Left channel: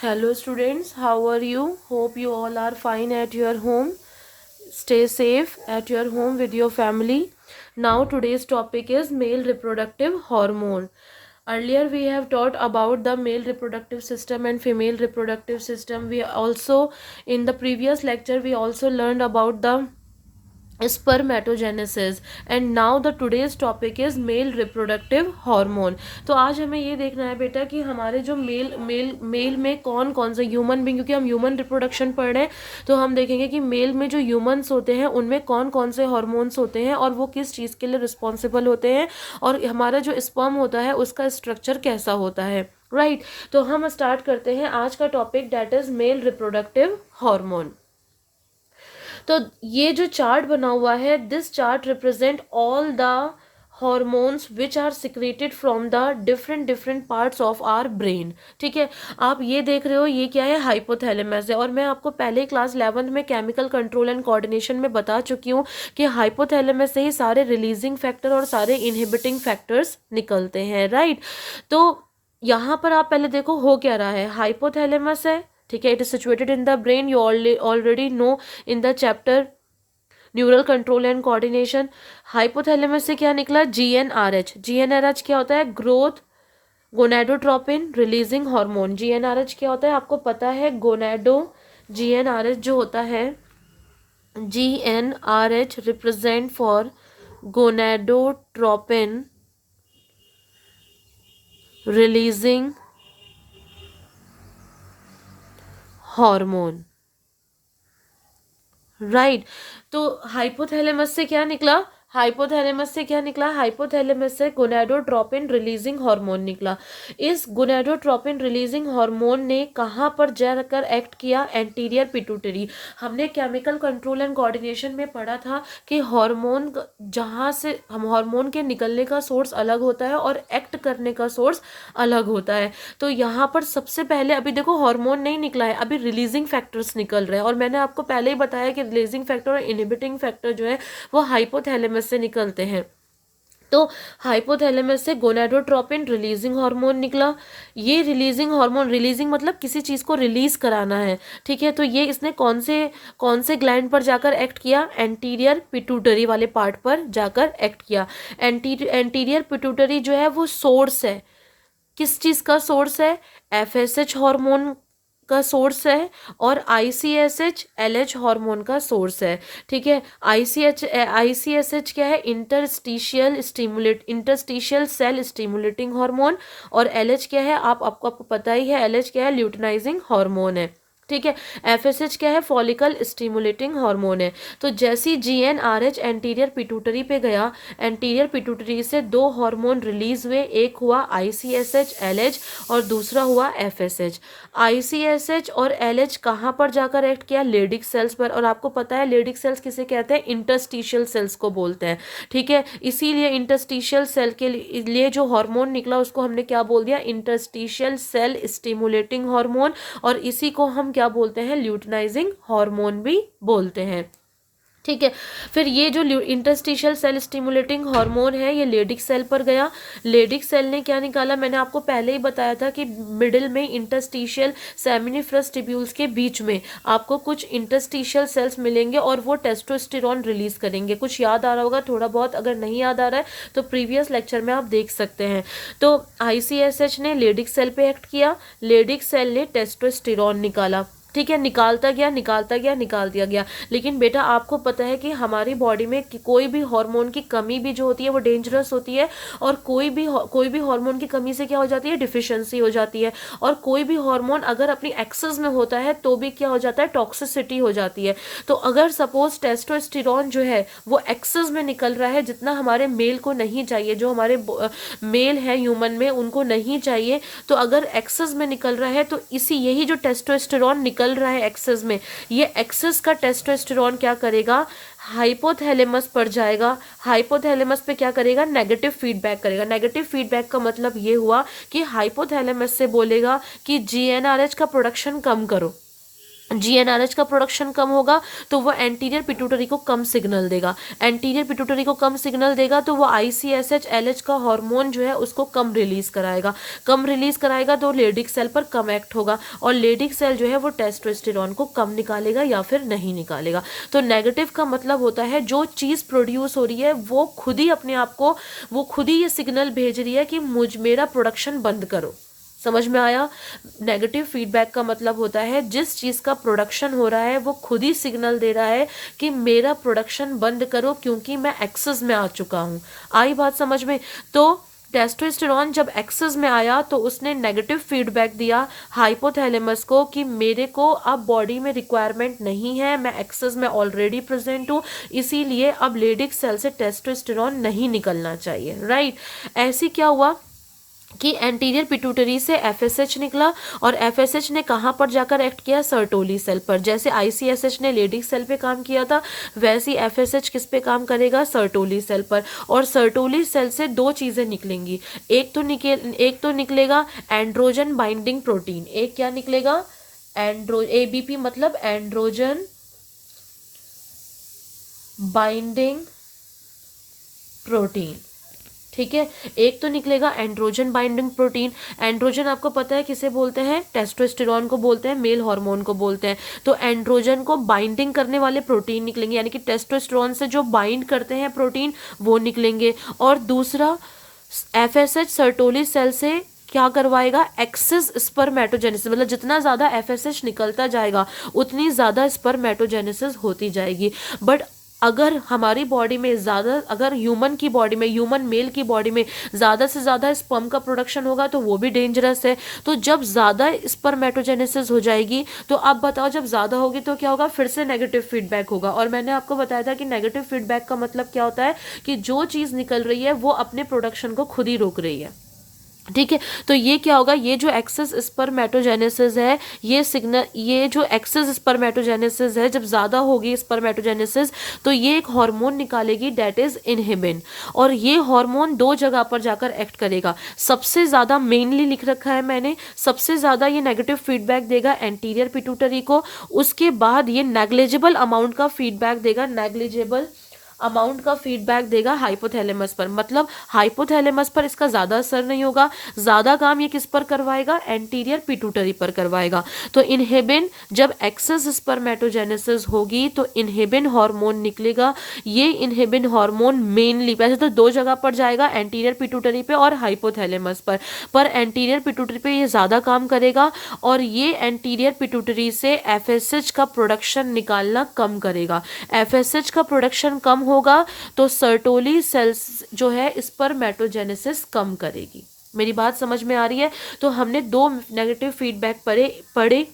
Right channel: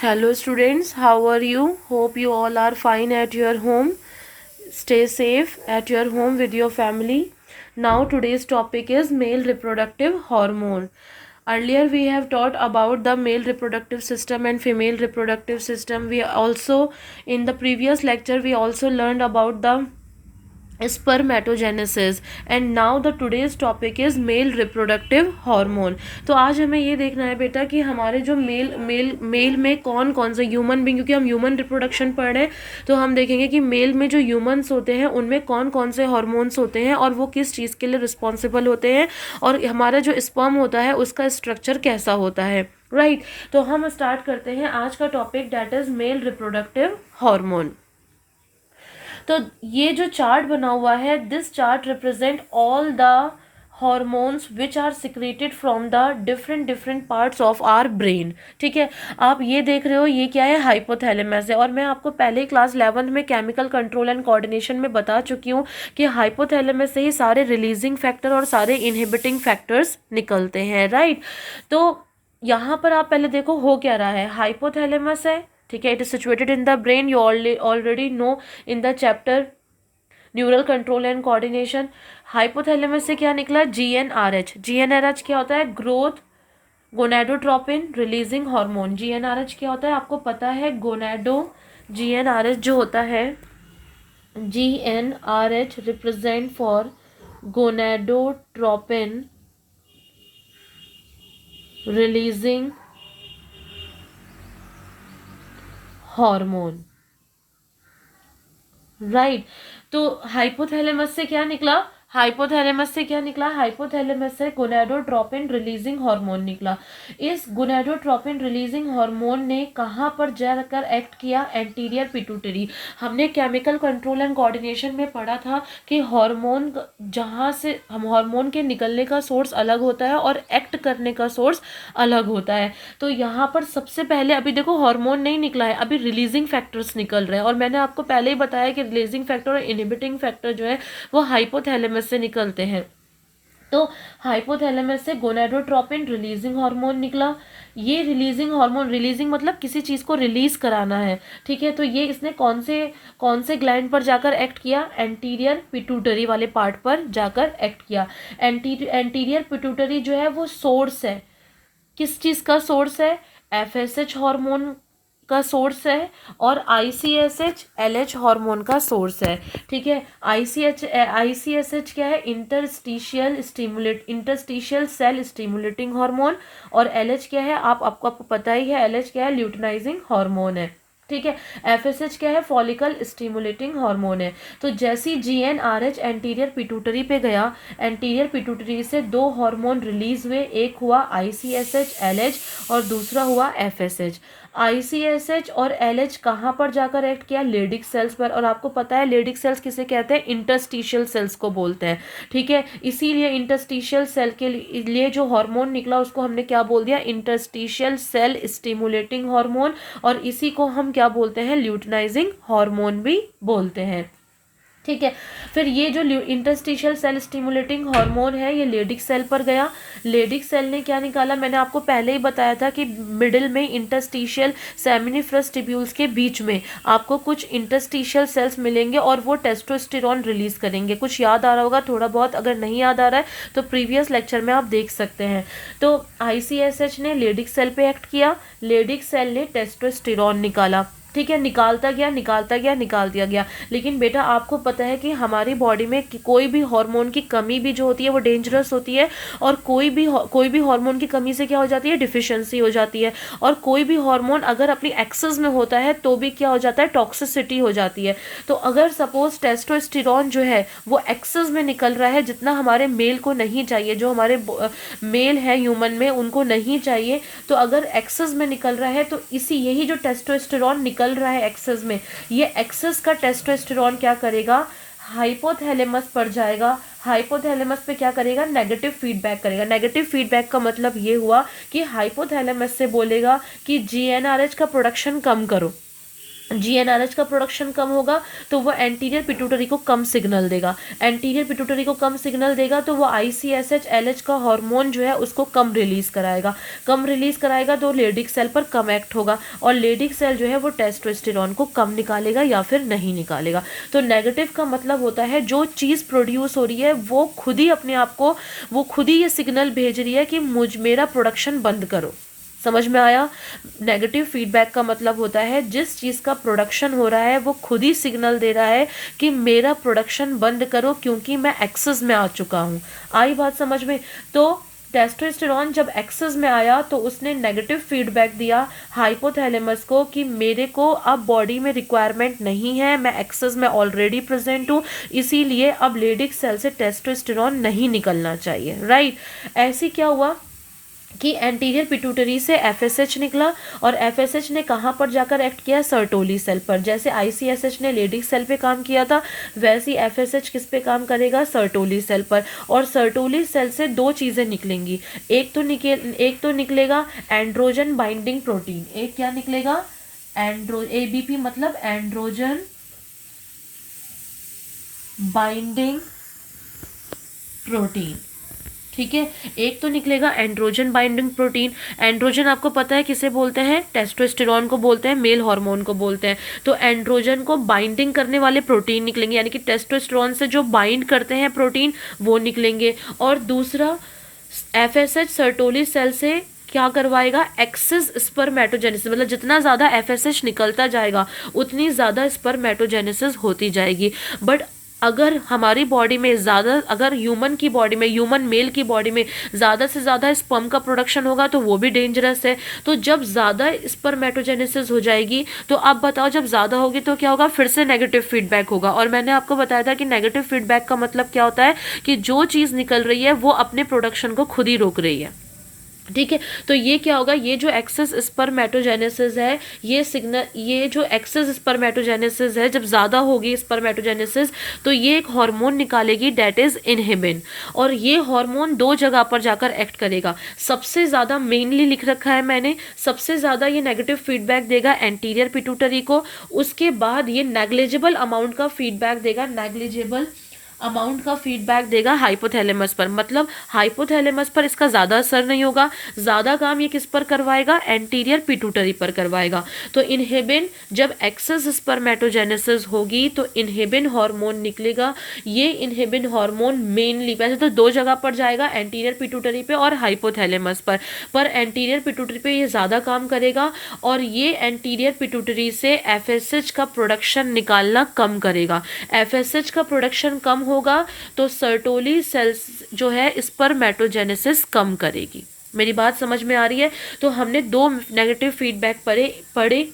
Hello students, how are you? Hope you all are fine at your home. Stay safe at your home with your family. Now today's topic is male reproductive hormone. Earlier we have taught about the male reproductive system and female reproductive system. We also in the previous lecture we also learned about the spermatogenesis and now the today's topic is male reproductive hormone. तो आज हमें ये देखना है बेटा कि हमारे जो मेल में कौन कौन से ह्यूमन बींग, क्योंकि हम ह्यूमन रिप्रोडक्शन पढ़ रहे हैं तो हम देखेंगे कि मेल में जो ह्यूमंस होते हैं उनमें कौन कौन से हार्मोन्स होते हैं और वो किस चीज़ के लिए रिस्पॉन्सिबल होते हैं और हमारा जो स्पर्म होता है उसका स्ट्रक्चर कैसा होता है। राइट, तो हम स्टार्ट करते हैं आज का topic, that is male reproductive hormone. तो ये जो चार्ट बना हुआ है, this chart represent all the hormones which are secreted from the different parts of our brain. ठीक है, आप ये देख रहे हो ये क्या है, हाइपोथैलेमस है। और मैं आपको पहले क्लास 11th में केमिकल कंट्रोल एंड कोऑर्डिनेशन में बता चुकी हूँ कि हाइपोथैलेमस से ही सारे रिलीजिंग फैक्टर और सारे इनहिबिटिंग फैक्टर्स निकलते हैं। राइट, तो यहाँ पर आप पहले देखो हो क्या रहा है, हाइपोथैलेमस है। ठीक है, it is situated in the brain, you already know in the chapter neural control and coordination. Hypothalamus से क्या निकला, जीएनआरएच। जीएनआरएच क्या होता है, growth gonadotropin releasing hormone. GnRH क्या होता है आपको पता है, जीएनआरएच जो होता है, GnRH represent for gonadotropin releasing hormone. Right, तो हाइपोथैलेमस से क्या निकला, हाइपोथैलेमस से गोनाडोट्रोपिन रिलीजिंग हार्मोन निकला। इस गोनाडोट्रोपिन रिलीजिंग हार्मोन ने कहाँ पर जाकर एक्ट किया, एंटीरियर पिट्यूटरी। हमने केमिकल कंट्रोल एंड कोऑर्डिनेशन में पढ़ा था कि हार्मोन जहाँ से हम हार्मोन के निकलने का सोर्स अलग होता है और एक्ट करने का सोर्स अलग होता है। तो यहाँ पर सबसे पहले अभी देखो हार्मोन नहीं निकला है, अभी रिलीजिंग फैक्टर्स निकल रहे हैं। और मैंने आपको पहले ही बताया कि रिलीजिंग फैक्टर और इनहिबिटिंग फैक्टर जो है वो हाइपोथैलेमस से निकलते हैं। तो हाइपोथैलेमस से गोनाडोट्रोपिन रिलीजिंग हार्मोन निकला। ये रिलीजिंग हार्मोन, रिलीजिंग मतलब किसी चीज़ को रिलीज कराना है। ठीक है, तो ये इसने कौन से ग्लैंड पर जाकर एक्ट किया, एंटीरियर पिट्यूटरी वाले पार्ट पर जाकर एक्ट किया। एंटीरियर पिट्यूटरी जो है वो सोर्स है, किस चीज़ का सोर्स है, एफएसएच हार्मोन का सोर्स है और आईसीएसएच एलएच हार्मोन का सोर्स है। ठीक है, आईसीएसएच क्या है, इंटरस्टिशियल सेल स्टिमुलेटिंग हार्मोन। और एलएच क्या है, आपको पता ही है, एलएच क्या है, ल्यूटिनाइजिंग हार्मोन है। ठीक है, एफएसएच क्या है, फॉलिकल स्टिमुलेटिंग हार्मोन है। तो जैसी जीएनआरएच एंटीरियर पिट्यूटरी पे गया, एंटीरियर पिट्यूटरी से दो हार्मोन रिलीज हुए, एक हुआ आईसीएसएच एलएच और दूसरा हुआ एफएसएच। आईसीएसएच और एलएच कहाँ पर जाकर एक्ट किया, लेडिक सेल्स पर। और आपको पता है लेडिक सेल्स किसे कहते हैं, इंटरस्टिशियल सेल्स को बोलते हैं। ठीक है, इसीलिए इंटरस्टिशियल सेल के लिए जो हार्मोन निकला उसको हमने क्या बोल दिया, इंटरस्टिशियल सेल स्टिमुलेटिंग हार्मोन। और इसी को हम क्या बोलते हैं, ल्यूटिनाइजिंग हार्मोन भी बोलते हैं। ठीक है, फिर ये जो इंटरस्टिशियल सेल स्टिमुलेटिंग हार्मोन है ये लेडिक सेल पर गया। लेडिक सेल ने क्या निकाला, मैंने आपको पहले ही बताया था कि मिडिल में इंटरस्टिशियल सेमिनिफरस ट्यूब्यूल्स के बीच में आपको कुछ इंटरस्टिशियल सेल्स मिलेंगे और वो टेस्टोस्टेरोन रिलीज करेंगे। कुछ याद आ रहा होगा थोड़ा बहुत, अगर नहीं याद आ रहा है तो प्रीवियस लेक्चर में आप देख सकते हैं। तो आईसीएसएच ने लेडिक सेल पे एक्ट किया, लेडिक सेल ने टेस्टोस्टेरोन निकाला। ठीक है, निकाल दिया गया। लेकिन बेटा आपको पता है कि हमारी बॉडी में कोई भी हार्मोन की कमी भी जो होती है वो डेंजरस होती है। और कोई भी हार्मोन की कमी से क्या हो जाती है, डिफिशिएंसी हो जाती है। और कोई भी हार्मोन अगर अपनी एक्सेस में होता है तो भी क्या हो जाता है, टॉक्सिसिटी हो जाती है। तो अगर सपोज टेस्टोस्टेरोन जो है वो एक्सेस में निकल रहा है, जितना हमारे मेल को नहीं चाहिए, जो हमारे मेल है ह्यूमन में उनको नहीं चाहिए, तो अगर एक्सेस में निकल रहा है तो यही जो टेस्टोस्टेरोन निकल रहा है एक्सेस में, ये एक्सेस का टेस्टोस्टेरोन क्या करेगा, हाइपोथैलेमस पर जाएगा। हाइपोथैलेमस पे क्या करेगा, नेगेटिव फीडबैक करेगा। नेगेटिव फीडबैक का मतलब ये हुआ कि हाइपोथैलेमस से बोलेगा कि जीएनआरएच का प्रोडक्शन कम करो। जीएनआरएच का प्रोडक्शन कम होगा तो वो एंटीरियर पिट्यूटरी को कम सिग्नल देगा, एंटीरियर पिट्यूटरी को कम सिग्नल देगा तो वो आईसीएसएच एलएच का हार्मोन जो है उसको कम रिलीज कराएगा, कम रिलीज कराएगा तो लेडिक सेल पर कम एक्ट होगा और लेडिक सेल जो है वो टेस्टोस्टेरॉन को कम निकालेगा या फिर नहीं निकालेगा। तो नेगेटिव का मतलब होता है जो चीज़ प्रोड्यूस हो रही है वो खुद ही अपने आप को, वो खुद ही ये सिग्नल भेज रही है कि मेरा प्रोडक्शन बंद करो। समझ में आया? नेगेटिव फीडबैक का मतलब होता है जिस चीज़ का प्रोडक्शन हो रहा है वो खुद ही सिग्नल दे रहा है कि मेरा प्रोडक्शन बंद करो क्योंकि मैं एक्सेस में आ चुका हूँ। आई बात समझ में? तो टेस्टोस्टेरॉन जब एक्सेस में आया तो उसने नेगेटिव फीडबैक दिया हाइपोथैलेमस को कि मेरे को अब बॉडी में रिक्वायरमेंट नहीं है, मैं एक्सेस में ऑलरेडी प्रेजेंट हूँ, इसीलिए अब लेडिक सेल से टेस्टोस्टेरॉन नहीं निकलना चाहिए। राइट? ऐसी क्या हुआ कि एंटीरियर पिट्यूटरी से एफएसएच निकला और एफएसएच ने कहाँ पर जाकर एक्ट किया? सर्टोली सेल पर। जैसे आईसीएसएच ने लेडिक सेल पे काम किया था वैसे ही एफएसएच किस पे काम करेगा? सर्टोली सेल पर। और सर्टोली सेल से दो चीज़ें निकलेंगी, एक तो निकलेगा एंड्रोजन बाइंडिंग प्रोटीन। एक क्या निकलेगा? एबीपी मतलब एंड्रोजन बाइंडिंग प्रोटीन। ठीक है, एक तो निकलेगा एंड्रोजन बाइंडिंग प्रोटीन। एंड्रोजन आपको पता है किसे बोलते हैं? टेस्टोस्टेरॉन को बोलते हैं, मेल हार्मोन को बोलते हैं। तो एंड्रोजन को बाइंडिंग करने वाले प्रोटीन निकलेंगे, यानी कि टेस्टोस्टेरॉन से जो बाइंड करते हैं प्रोटीन वो निकलेंगे। और दूसरा एफएसएच सर्टोली सेल से क्या करवाएगा? एक्सेस स्पर्मेटोजेनेसिस, मतलब जितना ज़्यादा एफएसएच निकलता जाएगा उतनी ज़्यादा स्पर्मेटोजेनेसिस होती जाएगी। बट अगर हमारी बॉडी में ज़्यादा, अगर ह्यूमन की बॉडी में, ह्यूमन मेल की बॉडी में ज़्यादा से ज़्यादा स्पर्म का प्रोडक्शन होगा तो वो भी डेंजरस है। तो जब ज़्यादा स्पर्मेटोजेनेसिस हो जाएगी तो अब बताओ जब ज़्यादा होगी तो क्या होगा? फिर से नेगेटिव फीडबैक होगा। और मैंने आपको बताया था कि नेगेटिव फीडबैक का मतलब क्या होता है कि जो चीज़ निकल रही है वो अपने प्रोडक्शन को खुद ही रोक रही है। ठीक है, तो ये क्या होगा? ये जो एक्सेस स्पर्मेटोजेनेसिस है, ये सिग्नल, ये जो एक्सेस स्पर्मेटोजेनेसिस है जब ज़्यादा होगी स्पर्मेटोजेनेसिस तो ये एक हार्मोन निकालेगी डेट इज़ इनहिबिन। और ये हार्मोन दो जगह पर जाकर एक्ट करेगा। सबसे ज़्यादा मेनली लिख रखा है मैंने, सबसे ज़्यादा ये नेगेटिव फीडबैक देगा एंटीरियर पिट्यूटरी को। उसके बाद ये नेग्लिजिबल अमाउंट का फीडबैक देगा, नेग्लिजिबल अमाउंट का फीडबैक देगा हाइपोथैलेमस पर। मतलब हाइपोथैलेमस पर इसका ज़्यादा असर नहीं होगा, ज़्यादा काम ये किस पर करवाएगा? एंटीरियर पिट्यूटरी पर करवाएगा। तो इनहिबिन, जब एक्सेस स्पर्मेटोजेनेसिस होगी तो इनहिबिन हार्मोन निकलेगा। ये इनहिबिन हार्मोन मेनली, वैसे तो दो जगह पर जाएगा, एंटीरियर पिट्यूटरी पे और हाइपोथैलेमस पर एंटीरियर पिट्यूटरी पे ये ज़्यादा काम करेगा और ये एंटीरियर पिट्यूटरी से एफएसएच का प्रोडक्शन निकालना कम करेगा। एफएसएच का प्रोडक्शन कम होगा तो सर्टोली सेल्स जो है स्पर्मेटोजेनेसिस कम करेगी। मेरी बात समझ में आ रही है? तो हमने दो नेगेटिव फीडबैक पढ़े।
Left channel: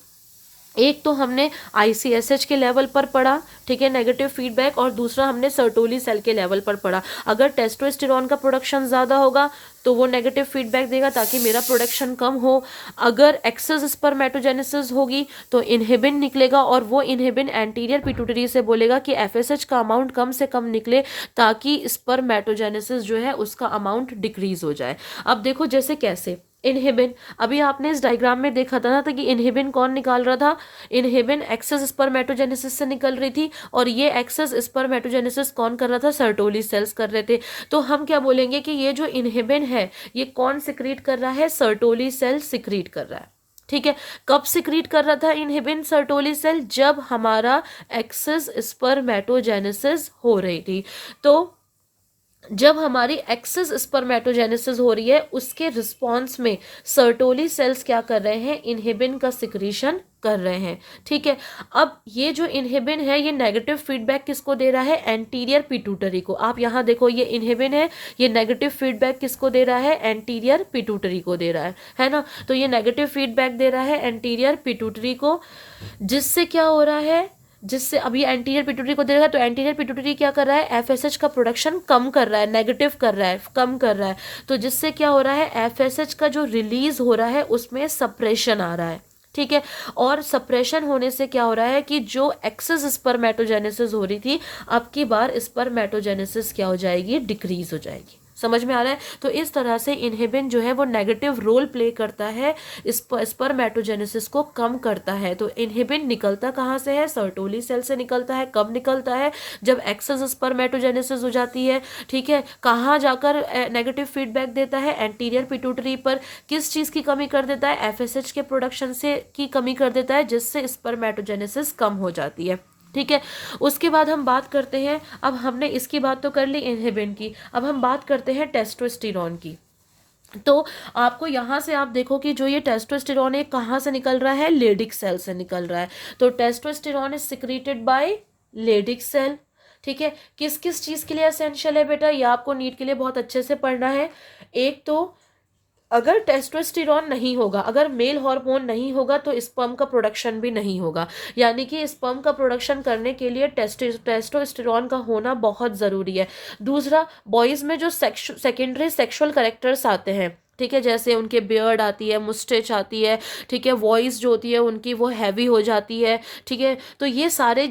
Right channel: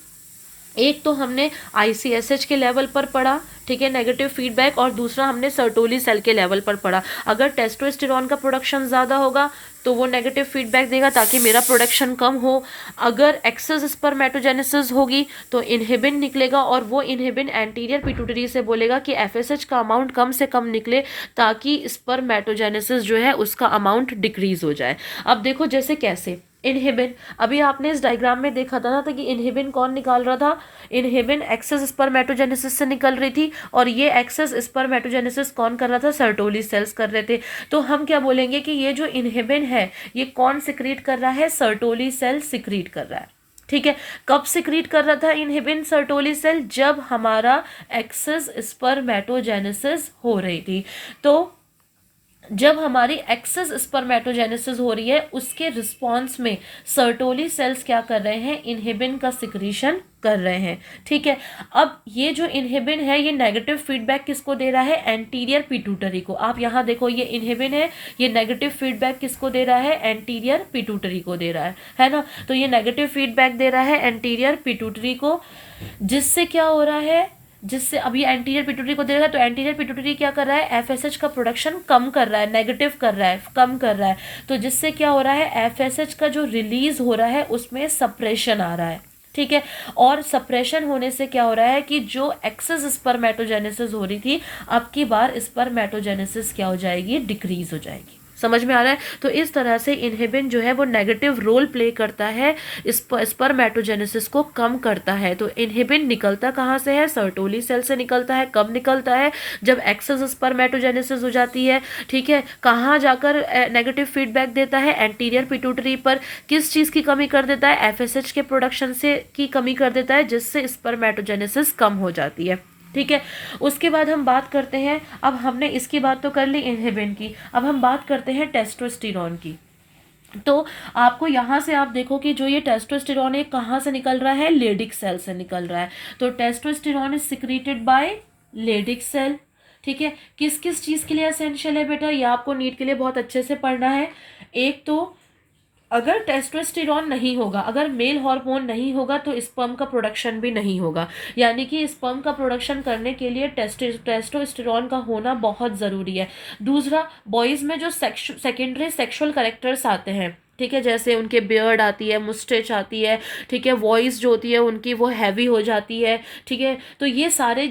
एक तो हमने आईसीएसएच के लेवल पर पढ़ा, ठीक है, नेगेटिव फीडबैक, और दूसरा हमने सर्टोली सेल के लेवल पर पढ़ा। अगर टेस्टोस्टेरॉन का प्रोडक्शन ज़्यादा होगा तो वो नेगेटिव फीडबैक देगा ताकि मेरा प्रोडक्शन कम हो। अगर एक्सेस स्पर्मेटोजेनेसिस होगी तो इनहिबिन निकलेगा और वो इनहिबिन एंटीरियर पिट्यूटरी से बोलेगा कि एफएसएच का अमाउंट कम से कम निकले ताकि स्पर्मेटोजेनेसिस जो है उसका अमाउंट डिक्रीज हो जाए। अब देखो जैसे कैसे इनहिबिन, अभी आपने इस डायग्राम में देखा था ना कि इनहिबिन कौन निकाल रहा था? इनहिबिन एक्सेस स्पर्मेटोजेनेसिस से निकल रही थी और ये एक्सेस स्पर्मेटोजेनेसिस कौन कर रहा था? सर्टोली सेल्स कर रहे थे। तो हम क्या बोलेंगे कि ये जो इनहिबिन है ये कौन सिक्रीट कर रहा है? सर्टोली सेल सिक्रीट कर रहा है। ठीक है, कब सिक्रीट कर रहा था इनहिबिन सर्टोली सेल? जब हमारा एक्सेस स्पर्मेटोजेनेसिस हो रही थी। तो जब हमारी एक्सेस स्पर्मेटोजेनेसिस हो रही है उसके रिस्पॉन्स में सर्टोली सेल्स क्या कर रहे हैं? इनहिबिन का सिक्रीशन कर रहे हैं। ठीक है, अब ये जो इनहिबिन है ये नेगेटिव फीडबैक किसको दे रहा है? एंटीरियर पिट्यूटरी को। आप यहाँ देखो ये इनहिबिन है, ये नेगेटिव फीडबैक किसको दे रहा है? एंटीरियर पिट्यूटरी को दे रहा है ना? तो ये नेगेटिव फीडबैक दे रहा है एंटीरियर पिट्यूटरी को, जिससे क्या हो रहा है? जिससे अभी एंटीरियर पिट्यूटरी को दे रहा है तो एंटीरियर पिट्यूटरी क्या कर रहा है? एफएसएच का प्रोडक्शन कम कर रहा है, नेगेटिव कर रहा है, कम कर रहा है। तो जिससे क्या हो रहा है? एफएसएच का जो रिलीज हो रहा है उसमें सप्रेशन आ रहा है। ठीक है, और सप्रेशन होने से क्या हो रहा है कि जो एक्सेस स्पर्मेटोजेनेसिस हो रही थी अब की बार स्पर्मेटोजेनेसिस क्या हो जाएगी? डिक्रीज हो जाएगी। समझ में आ रहा है? तो इस तरह से इनहिबिन जो है वो नेगेटिव रोल प्ले करता है, स्पर्मेटोजेनेसिस को कम करता है। तो इनहिबिन निकलता कहाँ से है? सर्टोली सेल से निकलता है। कब निकलता है? जब एक्सेस स्पर्मेटोजेनेसिस हो जाती है। ठीक है, कहाँ जाकर नेगेटिव फीडबैक देता है? एंटीरियर पिट्यूटरी पर। किस चीज़ की कमी कर देता है? एफएसएच के प्रोडक्शन से की कमी कर देता है, जिससे स्पर्मेटोजेनेसिस कम हो जाती है। ठीक है, उसके बाद हम बात करते हैं, अब हमने इसकी बात तो कर ली इनहिबिन की, अब हम बात करते हैं टेस्टोस्टेरोन की। तो आपको यहाँ से आप देखो कि जो ये टेस्टोस्टेरोन है कहाँ से निकल रहा है? लेडिक सेल से निकल रहा है। तो testosterone is secreted by Leydig cell. ठीक है, किस किस चीज़ के लिए एसेंशियल है बेटा? ये आपको नीट के लिए बहुत अच्छे से पढ़ना है। एक तो अगर टेस्टोस्टेरोन नहीं होगा, अगर मेल हार्मोन नहीं होगा तो स्पर्म का प्रोडक्शन भी नहीं होगा, यानी कि स्पर्म का प्रोडक्शन करने के लिए टेस्टोस्टेरोन का होना बहुत ज़रूरी है। दूसरा, बॉयज़ में जो सेकेंडरी सेक्सुअल कैरेक्टर्स आते हैं, ठीक है, जैसे उनके बियर्ड आती है, मुस्टेच आती है, ठीक है, वॉइस जो होती है उनकी वो हैवी हो जाती है। ठीक है, तो ये सारे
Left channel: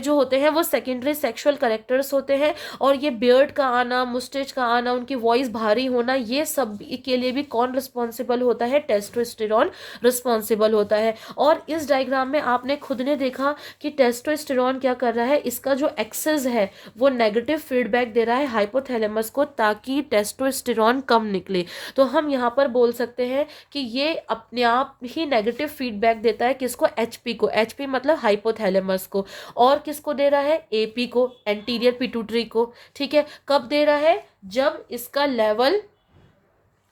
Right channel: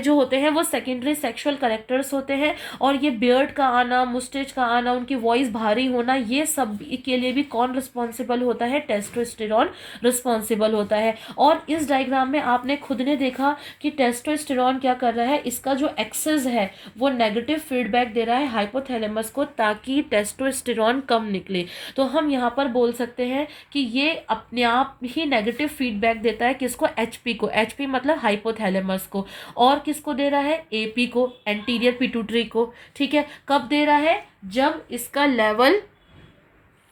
जो होते हैं वो सेकेंडरी सेक्सुअल कैरेक्टर्स होते हैं। और ये बियर्ड का आना, मुस्टेच का आना, उनकी वॉइस भारी होना, ये सब के लिए भी कौन रिस्पॉन्सिबल होता है? टेस्टोस्टेरोन रिस्पॉन्सिबल होता है। और इस डायग्राम में आपने खुद ने देखा कि टेस्टोस्टेरोन क्या कर रहा है, इसका जो एक्सेस है वो नेगेटिव फीडबैक दे रहा है हाइपोथैलेमस को, ताकि टेस्टोस्टेरोन कम निकले। तो हम यहाँ पर बोल सकते हैं कि ये अपने आप ही नेगेटिव फीडबैक देता है, किसको? एचपी को। एचपी मतलब हाइपोथैलेमस को। और किसको दे रहा है? एपी को, एंटीरियर पिट्यूटरी को। ठीक है, कब दे रहा है? जब इसका लेवल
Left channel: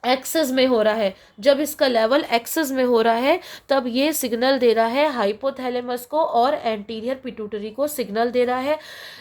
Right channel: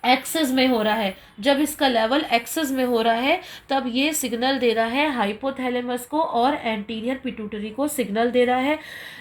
एक्सेस में हो रहा है। जब इसका लेवल एक्सेस में हो रहा है तब ये सिग्नल दे रहा है हाइपोथैलेमस को और एंटीरियर पिट्यूटरी को सिग्नल दे रहा है,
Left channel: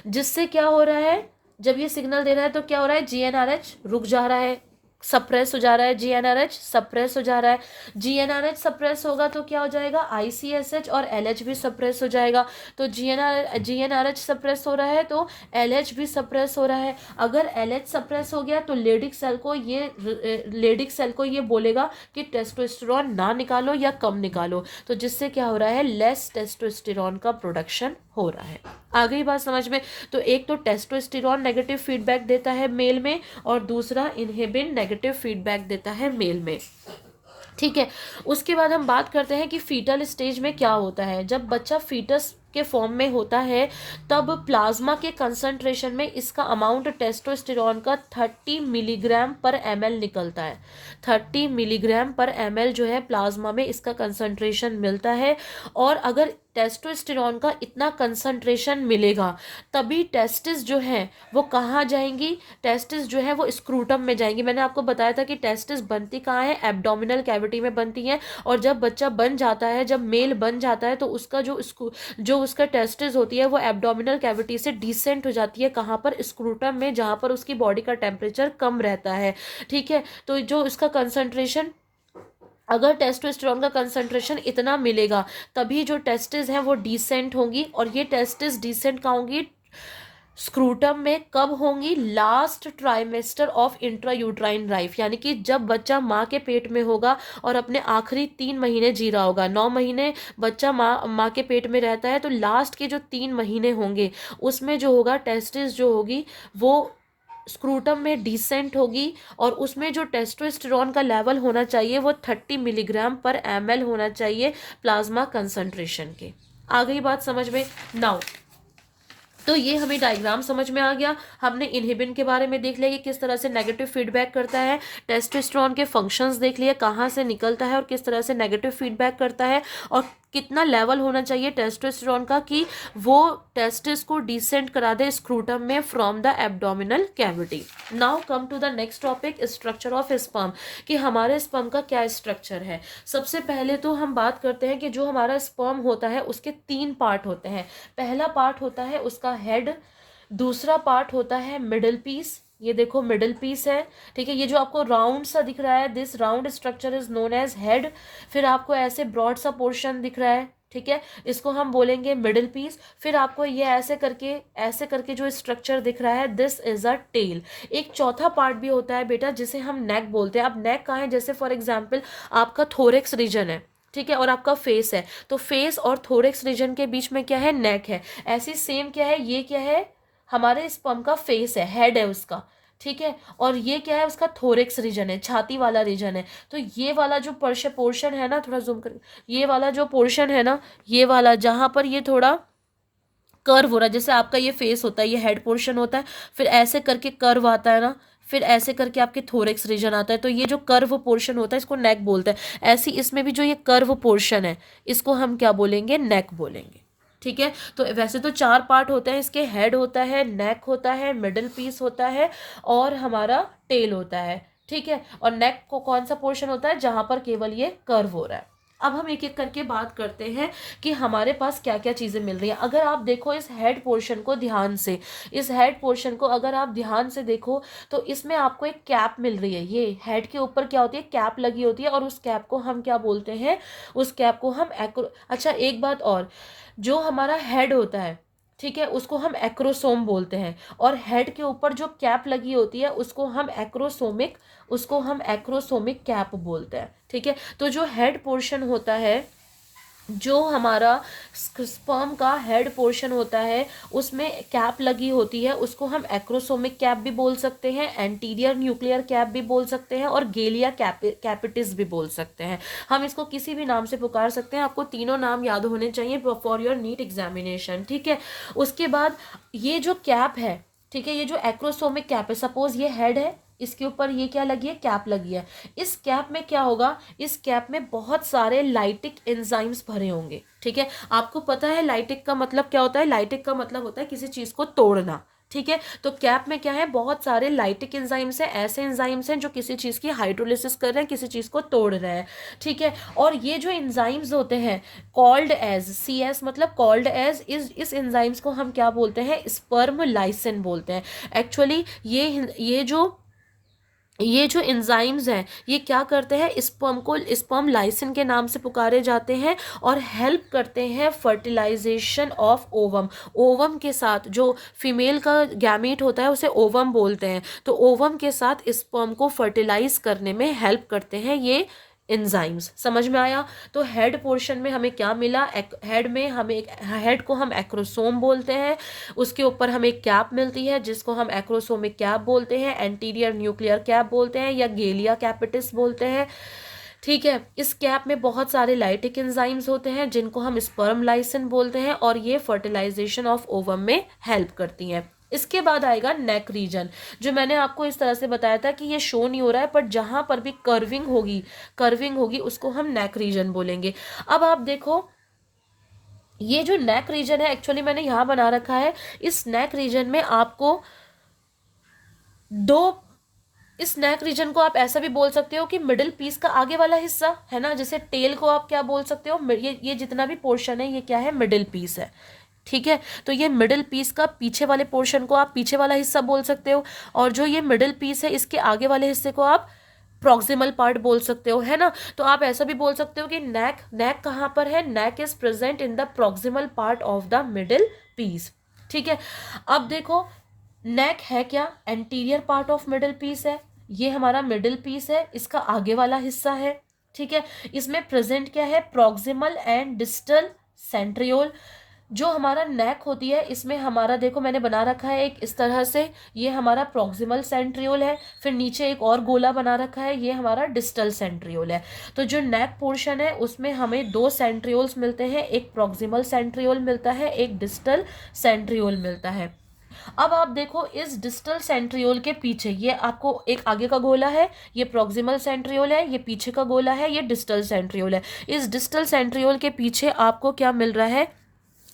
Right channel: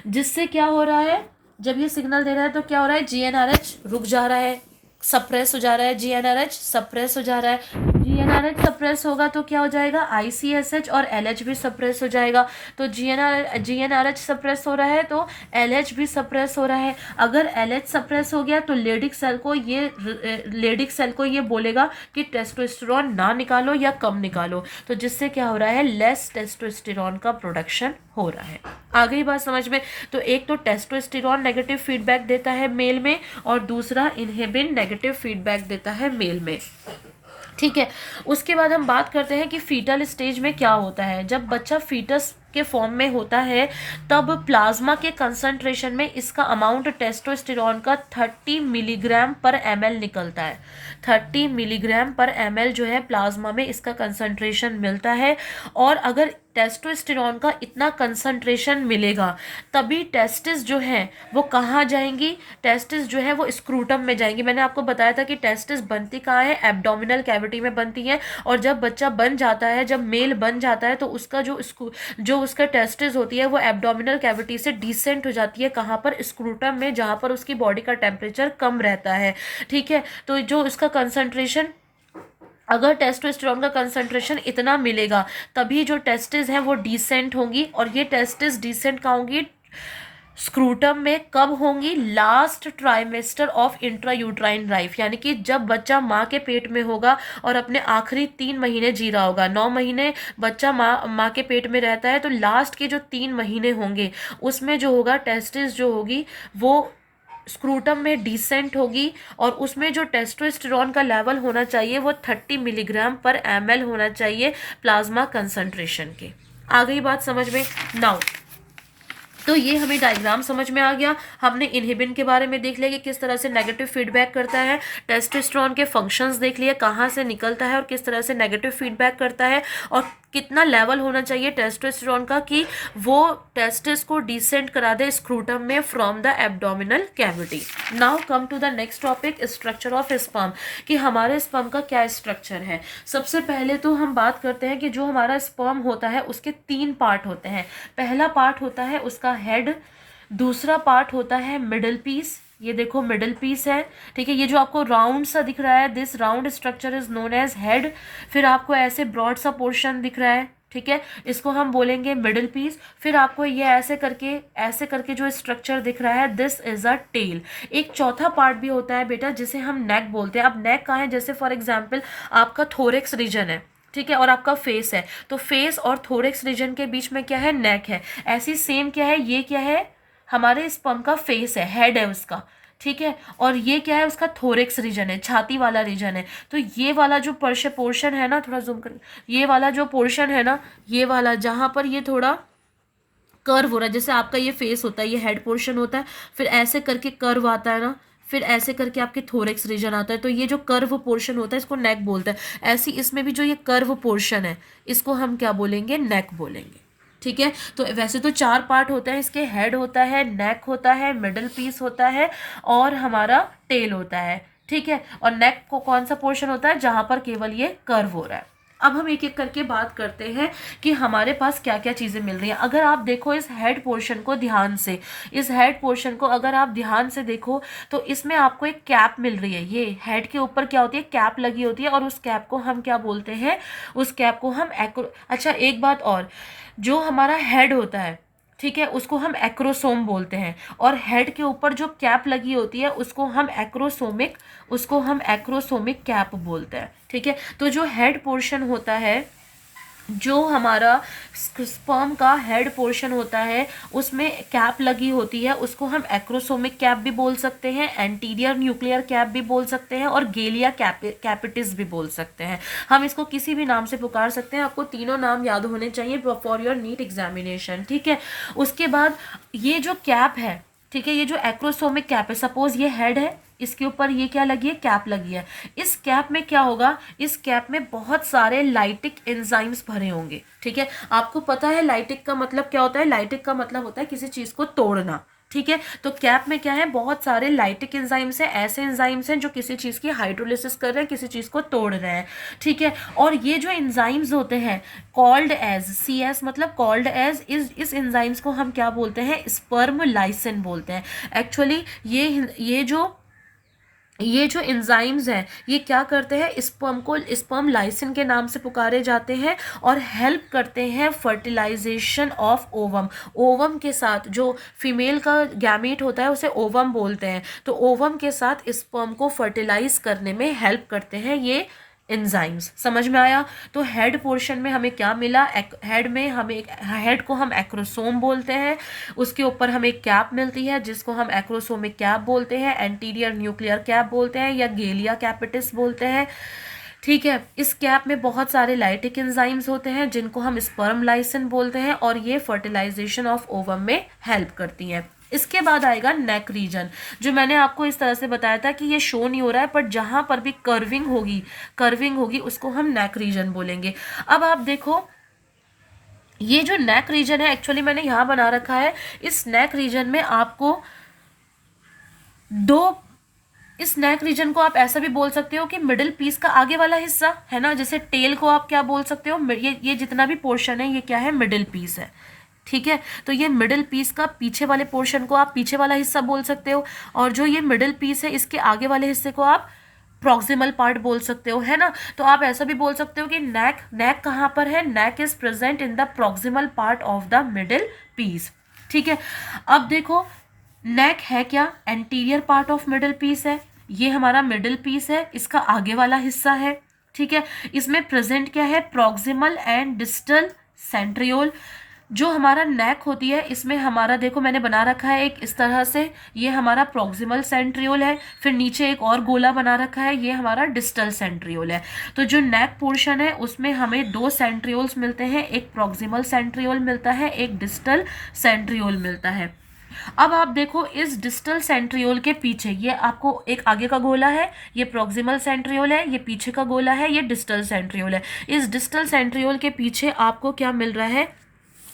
जिससे क्या हो रहा है? जब ये सिग्नल दे रहा है तो क्या हो रहा है? जीएनआरएच रुक जा रहा है, सप्रेस हो जा रहा है। जीएनआरएच सप्रेस हो जा रहा है। जीएनआरएच सप्रेस होगा तो क्या हो जाएगा? आईसीएसएच और एलएच भी सप्रेस हो जाएगा। तो जीएनआरएच सप्रेस हो रहा है तो एलएच भी सप्रेस हो रहा है। अगर एलएच सप्रेस हो गया तो लेडिक सेल को ये बोलेगा कि टेस्टोस्टेरोन ना निकालो या कम निकालो, तो जिससे क्या हो रहा है? लेस टेस्टोस्टेरोन का प्रोडक्शन हो रहा है। आ गई बात समझ में? तो एक तो टेस्टोस्टेरोन नेगेटिव फीडबैक देता है मेल में, और दूसरा इनहिबिन नेगेटिव फीडबैक देता है मेल में। ठीक है, उसके बाद हम बात करते हैं कि फीटल स्टेज में क्या होता है। जब बच्चा फीटस के फॉर्म में होता है तब प्लाज्मा के कंसंट्रेशन में इसका अमाउंट टेस्टोस्टेरोन का 30 मिलीग्राम पर ml निकलता है। 30 मिलीग्राम पर ml जो है प्लाज्मा में इसका कंसंट्रेशन मिलता है। और अगर टेस्टोस्टेरोन का इतना कंसंट्रेशन मिलेगा तभी टेस्टिस जो है वो कहाँ जाएंगी? टेस्टिस जो है वो स्क्रूटम में जाएंगी। मैंने आपको बताया था कि टेस्टिस बनती कहाँ है? एब्डोमिनल कैविटी में बनती है। और जब बच्चा बन जाता है, जब मेल बन जाता है, तो उसका जो उसका टेस्टिस होती है वो एब्डोमिनल कैविटी से डिसेंट हो जाती है। कहाँ पर? स्क्रूटम में, जहाँ पर उसकी बॉडी का टेम्परेचर कम रहता है। ठीक है, तो जो इसका कंसंट्रेशन, अगर टेस्टोस्टेरोन का कंसंट्रेशन इतना मिलेगा तभी जो टेस्टिस हैं वो डिसेंट होंगी। और ये टेस्टिस डिसेंट कहाँ होंगी? स्क्रूटम में। कब होंगी? Last trimester of intrauterine life, यानी कि जब बच्चा माँ के पेट में होगा और अपने आखिरी 3 महीने जी रहा होगा। 9 महीने बच्चा माँ के पेट में रहता है, तो लास्ट के जो 3 महीने होंगे उसमें जो होगा टेस्टिस जो होगी वो स्क्रूटम में डिसेंट होगी। और उसमें जो टेस्टोस्टेरोन का लेवल होना चाहिए वो 30 मिलीग्राम पर ml होना चाहिए प्लाज्मा कंसंट्रेशन के। आ गई बात समझ में? नाउ तो ये हमें डायग्राम समझ में आ गया। हमने इनहिबिन के बारे में देख लिया कि किस तरह से नेगेटिव फीडबैक करता है। टेस्टोस्टेरोन के फंक्शंस देख लिए, कहाँ से निकलता है और किस तरह से नेगेटिव फीडबैक करता है, और कितना लेवल होना चाहिए टेस्टोस्टेरोन का कि वो टेस्टिस को डिसेंट करा दे स्क्रूटम में from the abdominal cavity. Now come to the next topic, structure of sperm, कि हमारे स्पर्म का क्या स्ट्रक्चर है। सबसे पहले तो हम बात करते हैं कि जो हमारा स्पर्म होता है उसके 3 पार्ट होते हैं। पहला पार्ट होता है उसका हेड, दूसरा पार्ट होता है मिडल पीस, ये देखो मिडल पीस है। ठीक है, ये जो आपको राउंड सा दिख रहा है, this round structure is known as head. फिर आपको ऐसे ब्रॉड सा पोर्शन दिख रहा है, ठीक है, इसको हम बोलेंगे मिडल पीस। फिर आपको ये ऐसे करके जो स्ट्रक्चर दिख रहा है, दिस इज अ टेल। एक चौथा पार्ट भी होता है बेटा जिसे हम नेक बोलते हैं। अब नेक कहाँ है? जैसे फॉर एग्जाम्पल आपका थोरेक्स रीजन है, ठीक है, और आपका फेस है, तो फेस और थोरेक्स रीजन के बीच में क्या है? नेक है। ऐसी सेम क्या है? ये क्या है? हमारे स्पर्म का फेस है, हेड है उसका। ठीक है। और ये क्या है, उसका थोरेक्स रीजन है, छाती वाला रीजन है। तो ये वाला जो पोर्शन है ना, थोड़ा जूम कर, ये वाला जो पोर्शन है ना, ये वाला जहाँ पर ये थोड़ा कर्व हो रहा है, जैसे आपका ये फेस होता है, ये हेड पोर्शन होता है, फिर ऐसे करके कर्व आता है ना, फिर ऐसे करके आपके थोरेक्स रीजन आता है, तो ये जो कर्व पोर्शन होता है इसको नेक बोलते हैं। ऐसे इसमें भी जो ये कर्व पोर्शन है इसको हम क्या बोलेंगे, नेक बोलेंगे। ठीक है। तो वैसे तो 4 पार्ट होते हैं इसके, हेड होता है, नेक होता है, मिडल पीस होता है और हमारा टेल होता है। ठीक है। और नेक को कौन सा पोर्शन होता है, जहां पर केवल ये कर्व हो रहा है। अब हम एक एक करके बात करते हैं कि हमारे पास क्या क्या चीज़ें मिल रही हैं। अगर आप देखो इस हेड पोर्शन को ध्यान से, इस हेड पोर्शन को अगर आप ध्यान से देखो तो इसमें आपको एक कैप मिल रही है। ये हेड के ऊपर क्या होती है, कैप लगी होती है, और उस कैप को हम क्या बोलते हैं, उस कैप को हम अच्छा एक बात और, जो हमारा हेड होता है, ठीक है, उसको हम एक्रोसोम बोलते हैं, और हेड के ऊपर जो कैप लगी होती है उसको हम एक्रोसोमिक कैप बोलते हैं। ठीक है। तो जो हेड पोर्शन होता है, जो हमारा स्पर्म का हेड पोर्शन होता है, उसमें कैप लगी होती है, उसको हम एक्रोसोमिक कैप भी बोल सकते हैं, एंटीरियर न्यूक्लियर कैप भी बोल सकते हैं, और गेलिया कैपिटिस भी बोल सकते हैं। हम इसको किसी भी नाम से पुकार सकते हैं, आपको तीनों नाम याद होने चाहिए फॉर योर नीट एग्जामिनेशन। ठीक है। उसके बाद ये जो कैप है, ठीक है, ये जो एक्रोसोमिक कैप है, सपोज ये हेड है, इसके ऊपर ये क्या लगी है, कैप लगी है। इस कैप में क्या होगा, इस कैप में बहुत सारे लाइटिक एंजाइम्स भरे होंगे। ठीक है। आपको पता है लाइटिक का मतलब क्या होता है, लाइटिक का मतलब होता है किसी चीज को तोड़ना। ठीक है। तो कैप में क्या है, बहुत सारे लाइटिक एंजाइम्स हैं, ऐसे एंजाइम्स हैं जो किसी चीज की हाइड्रोलिसिस कर रहे हैं, किसी चीज को तोड़ रहे हैं। ठीक है। और ये जो एंजाइम्स होते हैं, कॉल्ड एज, सी एस मतलब कॉल्ड एज, इस एंजाइम्स को हम क्या बोलते हैं, स्पर्म लाइसिन बोलते हैं। एक्चुअली ये जो एंजाइम्स हैं, ये क्या करते हैं, स्पर्म को स्पर्म लाइसिन के नाम से पुकारे जाते हैं, और हेल्प करते हैं फर्टिलाइजेशन ऑफ ओवम। ओवम के साथ जो फीमेल का गैमीट होता है उसे ओवम बोलते हैं, तो ओवम के साथ स्पर्म को फर्टिलाइज करने में हेल्प करते हैं ये एंजाइम्स। समझ में आया। तो हेड पोर्शन में हमें क्या मिला, हेड को हम एक्रोसोम बोलते हैं, उसके ऊपर हमें कैप मिलती है जिसको हम एक्रोसोमिक कैप बोलते हैं, एंटीरियर न्यूक्लियर कैप बोलते हैं, या गेलिया कैपिटिस बोलते हैं। ठीक है। इस कैप में बहुत सारे लाइटिक एंजाइम्स होते हैं जिनको हम स्पर्म लाइसिन बोलते हैं, और ये फर्टिलाइजेशन ऑफ ओवम में हेल्प करती हैं। इसके बाद आएगा नेक रीजन, जो मैंने आपको इस तरह से बताया था कि ये शो नहीं हो रहा है, पर जहां पर भी कर्विंग होगी उसको हम नेक रीजन बोलेंगे। अब आप देखो ये जो नेक रीजन है, एक्चुअली मैंने यहां बना रखा है, इस नेक रीजन में आपको दो, इस नेक रीजन को आप ऐसा भी बोल सकते हो कि मिडिल पीस का आगे वाला हिस्सा है ना, जैसे टेल को आप क्या बोल सकते हो, ये जितना भी पोर्शन है ये क्या है, मिडिल पीस है। ठीक है। तो ये मिडिल पीस का पीछे वाले पोर्शन को आप पीछे वाला हिस्सा बोल सकते हो, और जो ये मिडिल पीस है इसके आगे वाले हिस्से को आप प्रॉक्सिमल पार्ट बोल सकते हो, है ना। तो आप ऐसा भी बोल सकते हो कि नेक कहाँ पर है, neck is present in the proximal part of the middle piece. ठीक है। अब देखो नेक है क्या, anterior part of middle piece है, ये हमारा मिडिल पीस है, इसका आगे वाला हिस्सा है। ठीक है। इसमें प्रेजेंट क्या है, प्रॉक्सिमल एंड डिस्टल सेंट्रियोल। जो हमारा नेक होती है इसमें हमारा, देखो मैंने बना रखा है एक इस तरह से, ये हमारा प्रॉक्सिमल सेंट्रियोल है, फिर नीचे एक और गोला बना रखा है, ये हमारा डिस्टल सेंट्रियोल है। तो जो नेक पोर्शन है उसमें हमें 2 सेंट्रियोल्स मिलते हैं, एक प्रॉक्सिमल सेंट्रियोल मिलता है, एक डिस्टल सेंट्रियोल मिलता है। अब आप देखो इस डिस्टल सेंट्रियोल के पीछे, ये आपको एक आगे का गोला है, ये प्रॉक्सिमल सेंट्रियोल है, ये पीछे का गोला है, ये डिस्टल सेंट्रियोल है। इस डिस्टल सेंट्रियोल के पीछे आपको क्या मिल रहा है,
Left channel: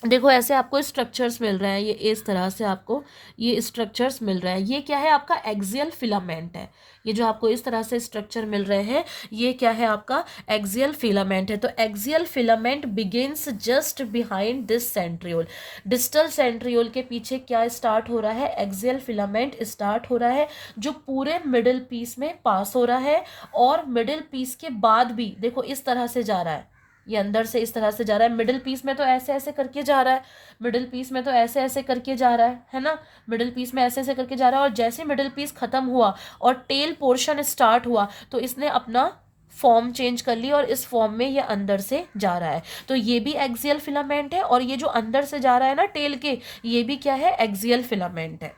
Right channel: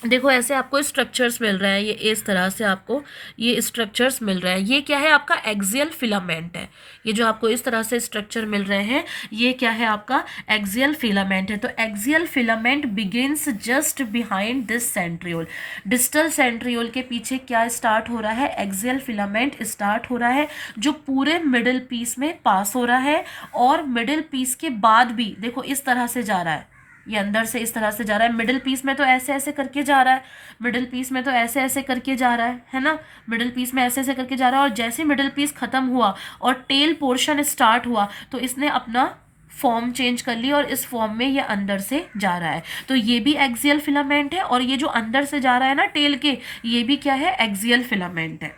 देखो ऐसे आपको स्ट्रक्चर्स मिल रहे हैं, ये इस तरह से आपको ये स्ट्रक्चर्स मिल रहे हैं। ये क्या है, आपका एक्सियल फिलामेंट है। ये जो आपको इस तरह से स्ट्रक्चर मिल रहे हैं ये क्या है, आपका एक्सियल फिलामेंट है। तो axial filament begins just behind this centriole. Distal centriole के पीछे क्या स्टार्ट हो रहा है, एक्सियल फिलामेंट स्टार्ट हो रहा है, जो पूरे मिडिल पीस में पास हो रहा है, और मिडिल पीस के बाद भी देखो इस तरह से जा रहा है, ये अंदर से इस तरह से जा रहा है। मिडिल पीस में तो ऐसे ऐसे करके जा रहा है, मिडिल पीस में तो ऐसे ऐसे करके जा रहा है ना, मिडिल पीस में ऐसे ऐसे करके जा रहा है। और जैसे मिडिल पीस खत्म हुआ और टेल पोर्शन स्टार्ट हुआ तो इसने अपना फॉर्म चेंज कर ली, और इस फॉर्म में ये अंदर से जा रहा है। तो ये भी एक्सियल फिलामेंट है, और ये जो अंदर से जा रहा है ना टेल के, ये भी क्या है, एक्सियल फिलामेंट है।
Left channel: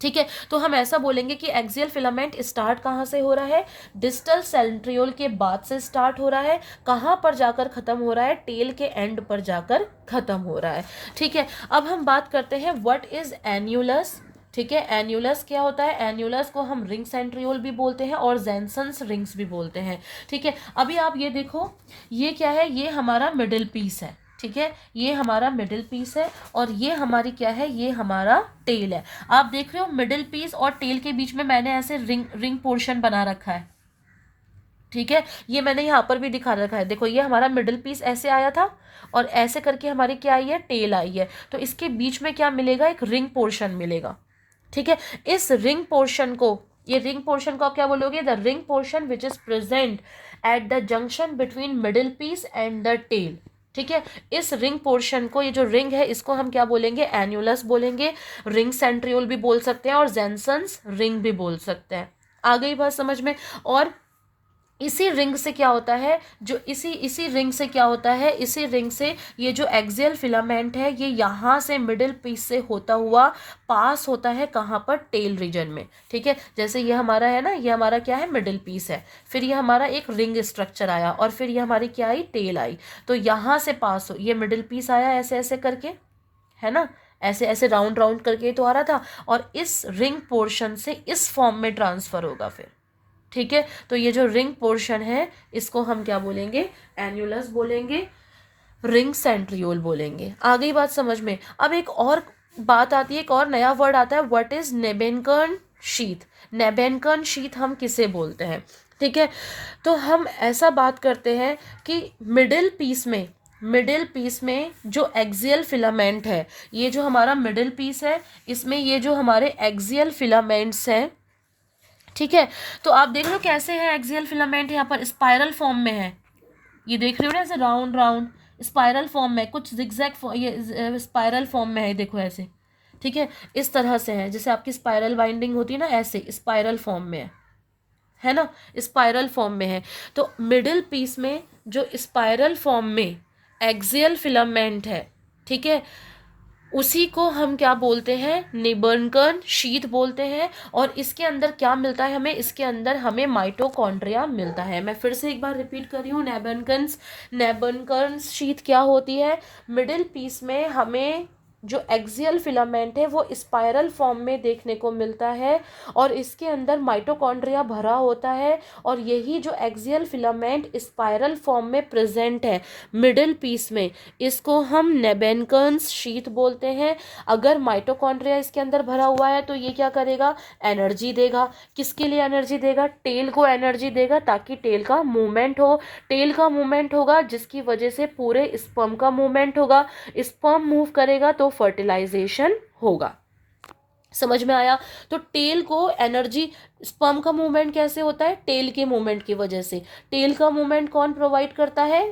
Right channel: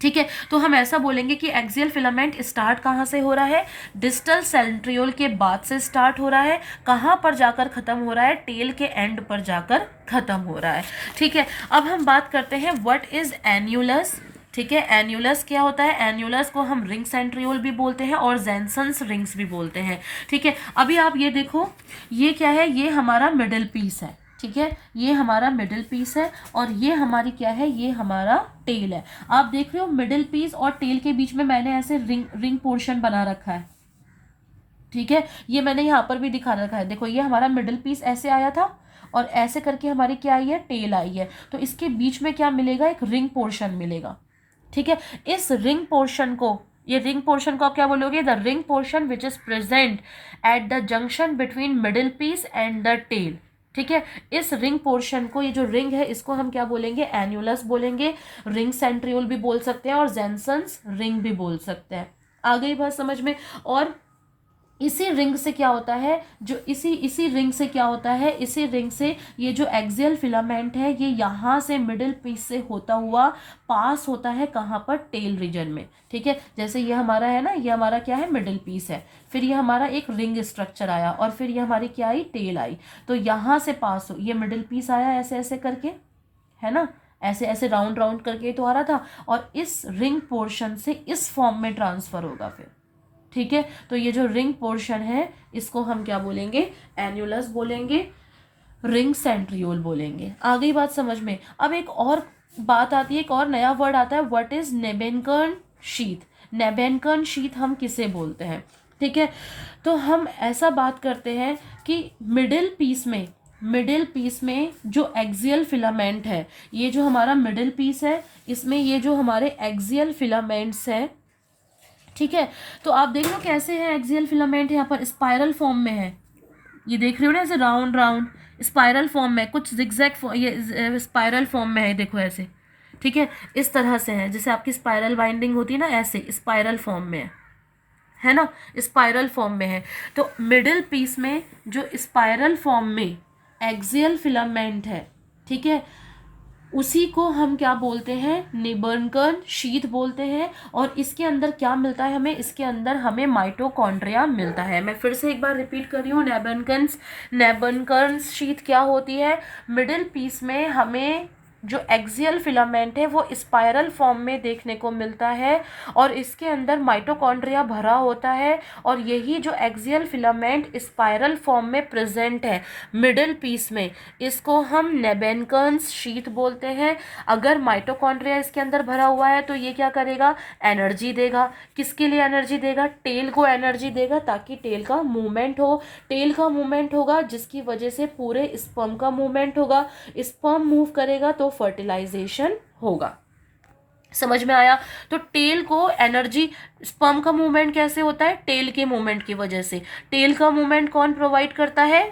ठीक है, तो हम ऐसा बोलेंगे कि एक्सियल फिलामेंट स्टार्ट कहाँ से हो रहा है, डिस्टल सेंट्रियोल के बाद से स्टार्ट हो रहा है, कहाँ पर जाकर खत्म हो रहा है, टेल के एंड पर जाकर खत्म हो रहा है। ठीक है, अब हम बात करते हैं व्हाट इज एन्यूलस। ठीक है, एन्यूलस क्या होता है, एन्यूलस को हम रिंग सेंट्रियोल भी बोलते हैं और जेनसन्स रिंग्स भी बोलते हैं। ठीक है, अभी आप ये देखो, ये क्या है, ये हमारा मिडिल पीस है। ठीक है, ये हमारा मिडिल पीस है और ये हमारी क्या है, ये हमारा टेल है। आप देख रहे हो मिडिल पीस और टेल के बीच में मैंने ऐसे रिंग रिंग पोर्शन बना रखा है। ठीक है, ये मैंने यहाँ पर भी दिखा रखा है, देखो ये हमारा मिडिल पीस ऐसे आया था और ऐसे करके हमारी क्या आई है, टेल आई है। तो इसके बीच में क्या मिलेगा, एक रिंग पोर्शन मिलेगा। ठीक है, इस रिंग पोर्शन को, ये रिंग पोर्शन को आप क्या बोलोगे, the ring portion which is present at the junction between middle piece and the tail. ठीक है, इस रिंग पोर्शन को, ये जो रिंग है इसको हम क्या बोलेंगे, एन्यूलस बोलेंगे, रिंग सेंट्रियोल भी बोल सकते हैं और जेनसन्स रिंग भी बोल सकते हैं। आ गई बात समझ में। और इसी रिंग से क्या होता है, जो इसी रिंग से क्या होता है, इसी रिंग से ये जो एक्सियल फिलामेंट है ये यहाँ से मिडिल पीस से होता हुआ पास होता है कहाँ पर, टेल रीजन में। ठीक है, जैसे ये हमारा है ना, ये हमारा क्या है, मिडिल पीस है, फिर ये हमारा एक रिंग स्ट्रक्चर आया और फिर ये हमारी क्या आई, टेल आई। तो यहाँ से पास हो, ये मिडिल पीस आया ऐसे ऐसे करके, है ना, ऐसे ऐसे राउंड राउंड करके तो आ रहा था, और इस रिंग पोर्शन से इस फॉर्म में ट्रांसफर होगा फिर। ठीक है, तो ये जो रिंग पोर्शन है इसको हम क्या बोलेंगे, एन्यूलस बोलेंगे, रिंग सेंट्रियोल बोलेंगे। आ गई बात समझ में। अब एक और बात आती है, एक और नया वर्ड आता है, व्हाट इज नेबेनकर्न शीथ। नेबेनकर्न शीथ हम किसे बोलते हैं। ठीक है, तो हम ऐसा बात करते हैं कि मिडिल पीस में जो एक्सियल फिलामेंट है, ये जो हमारा मिडिल पीस है, इसमें ये जो हमारे एक्सियल फिलामेंट्स हैं, ठीक है, तो आप देख लो कैसे है एक्सियल फिलामेंट, यहाँ पर स्पाइरल फॉर्म में है, ये देख रहे हो ना, ऐसे राउंड राउंड स्पाइरल फॉर्म में, कुछ जिगजैग ये स्पाइरल फॉर्म में है, देखो ऐसे। ठीक है, इस तरह से है, जैसे आपकी स्पाइरल बाइंडिंग होती है ना, ऐसे स्पाइरल फॉर्म में है ना, स्पाइरल फॉर्म में है। तो मिडिल पीस में जो स्पाइरल फॉर्म में एक्सियल फिलामेंट है, ठीक है, उसी को हम क्या बोलते हैं, नेबर्नकर्न शीथ बोलते हैं। और इसके अंदर क्या मिलता है हमें, इसके अंदर हमें माइटोकॉन्ड्रिया मिलता है। मैं फिर से एक बार रिपीट कर रही हूँ, नेबर्नकर्न शीथ क्या होती है, मिडिल पीस में हमें जो एक्सियल फिलामेंट है वो स्पाइरल फॉर्म में देखने को मिलता है और इसके अंदर माइटोकॉन्ड्रिया भरा होता है, और यही जो एक्सियल फिलामेंट स्पाइरल फॉर्म में प्रेजेंट है मिडिल पीस में, इसको हम नेबेनकर्न्स शीथ बोलते हैं। अगर माइटोकॉन्ड्रिया इसके अंदर भरा हुआ है तो ये क्या करेगा, एनर्जी देगा। किसके लिए एनर्जी देगा, टेल को एनर्जी देगा, ताकि टेल का मूवमेंट हो। टेल का मूवमेंट होगा जिसकी वजह से पूरे स्पर्म का मूवमेंट होगा, स्पर्म मूव करेगा तो फर्टिलाइजेशन होगा। समझ में आया। तो टेल को एनर्जी, स्पर्म का मूवमेंट कैसे होता है, टेल के मूवमेंट की वजह से। टेल का मूवमेंट कौन प्रोवाइड करता है,